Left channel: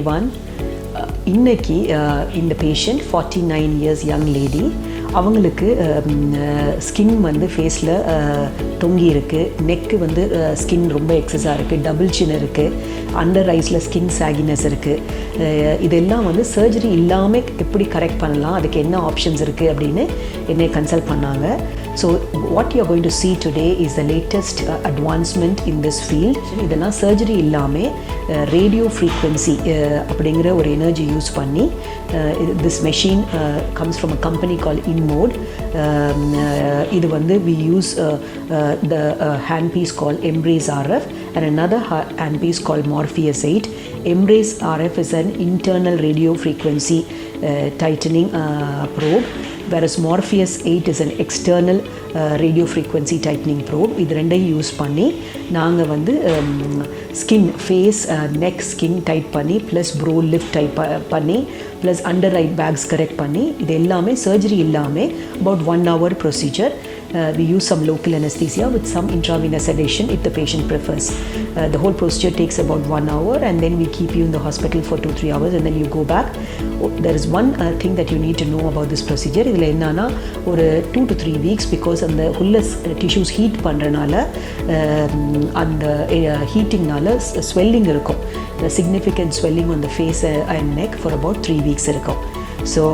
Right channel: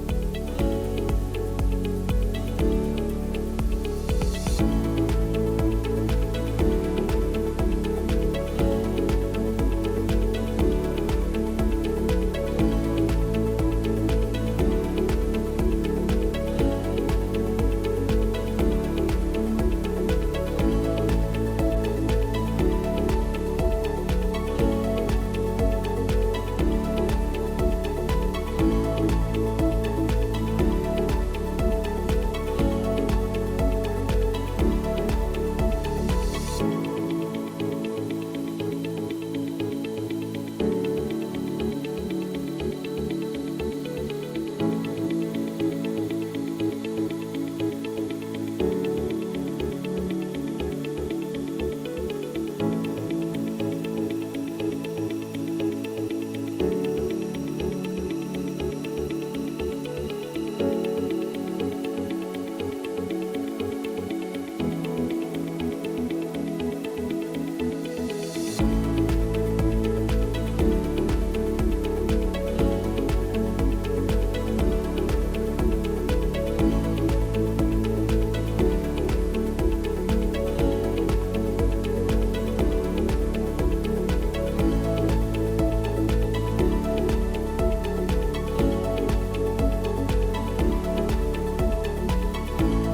everyone. இன்னைக்கு இந்த patient 49 years young lady. அவங்களுக்கு ஸ்கின் வந்து ஃபேஸில் தொங்கி இருக்குது, நெக்கு வந்து ஸ்கின் ரொம்ப எக்ஸஸாக இருக்குது, டபுள் சின் இருக்குது, அண்டர் ஐஸில் ஸ்கின் சாகினஸ் இருக்குது. இதெல்லாம் வந்து சர்ஜரி இல்லாமல் எப்படி கரெக்ட் பண்ணலாம், அதுக்கு என்ன ஆப்ஷன்ஸ் இருக்குது அப்படின்னு என்னை கன்சல்ட் பண்ணாங்க. So what you are going to see today is the latest advancement in this field. இதெல்லாம் சர்ஜரி இல்லாமல் ரேடியோ ஃப்ரீக்வன்சி அப்படிங்கிற ஒரு எனர்ஜி யூஸ் பண்ணி this machine comes from a company called InMode. இது வந்து we use the handpiece called Embrace RF and another handpiece called Morpheus 8. Embrace RF is an internal radio frequency tightening probe, whereas Morpheus 8 is an external radio frequency tightening probe. இது ரெண்டையும் use பண்ணி நாங்கள் வந்து skin face neck skin tight பண்ணி plus brow lift type பண்ணி plus under eye bags correct பண்ணி இது எல்லாமே சர்ஜரி இல்லாமல் about 1 hour procedure. We use some local anesthesia with some intravenous sedation if the patient prefers. The whole procedure takes about 1 hour and then we keep you in the hospital for 2-3 hours and then you go back. There is one thing that you need to know about this procedure. இதில் என்னன்னா ஒரு 2 to 3 weeks because அந்த உள்ள tissues heat பண்ணுறனால அந்த ஹீட்டிங்னால swelling இருக்கும், significant swelling on the face and neck for about 3 weeks இருக்கும். So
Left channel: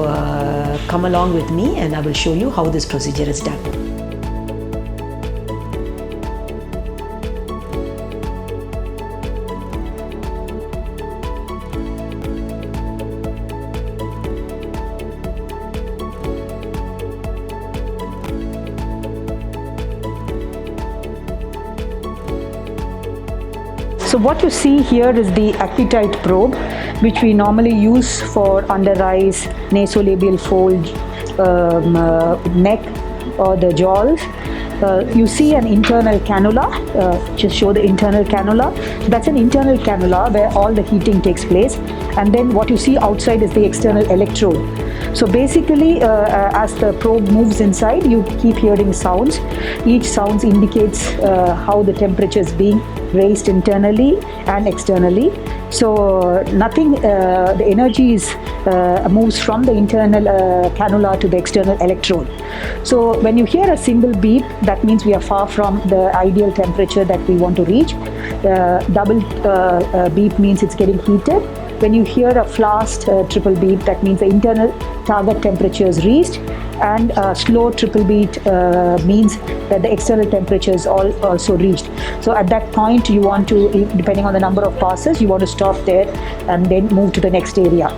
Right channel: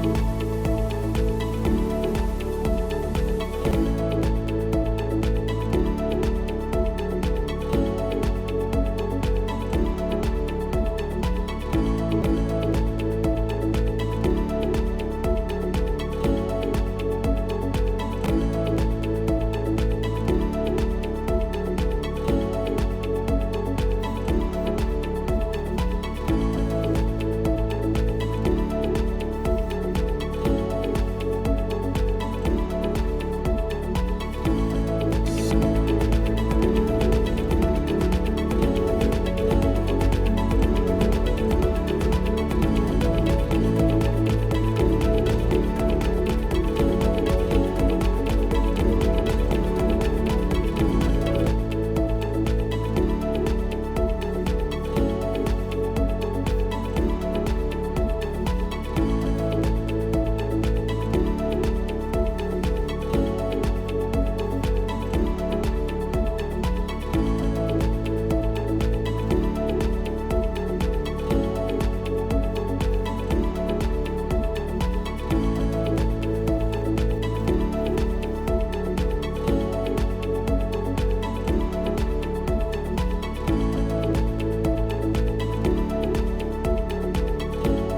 come along with me and I will show you how this procedure is done. So what you see here is the appetite probe, which we normally use for under eyes, nasolabial fold, neck or the jaws. You see an internal cannula. Just show the internal cannula. So that's an internal cannula where all the heating takes place. And then what you see outside is the external electrode. So basically, as the probe moves inside, you keep hearing sounds. Each sound indicates how the temperature is being raised internally and externally. So nothing, the energy is moves from the internal cannula to the external electrode. So when you hear a single beep, that means we are far from the ideal temperature that we want to reach. Double beep means it's getting heated. When you hear a fast triple beat, that means the internal target temperature is reached, and slow triple beat means that the external temperature is also reached. So at that point you want to, depending on the number of passes, you want to stop there and then move to the next area.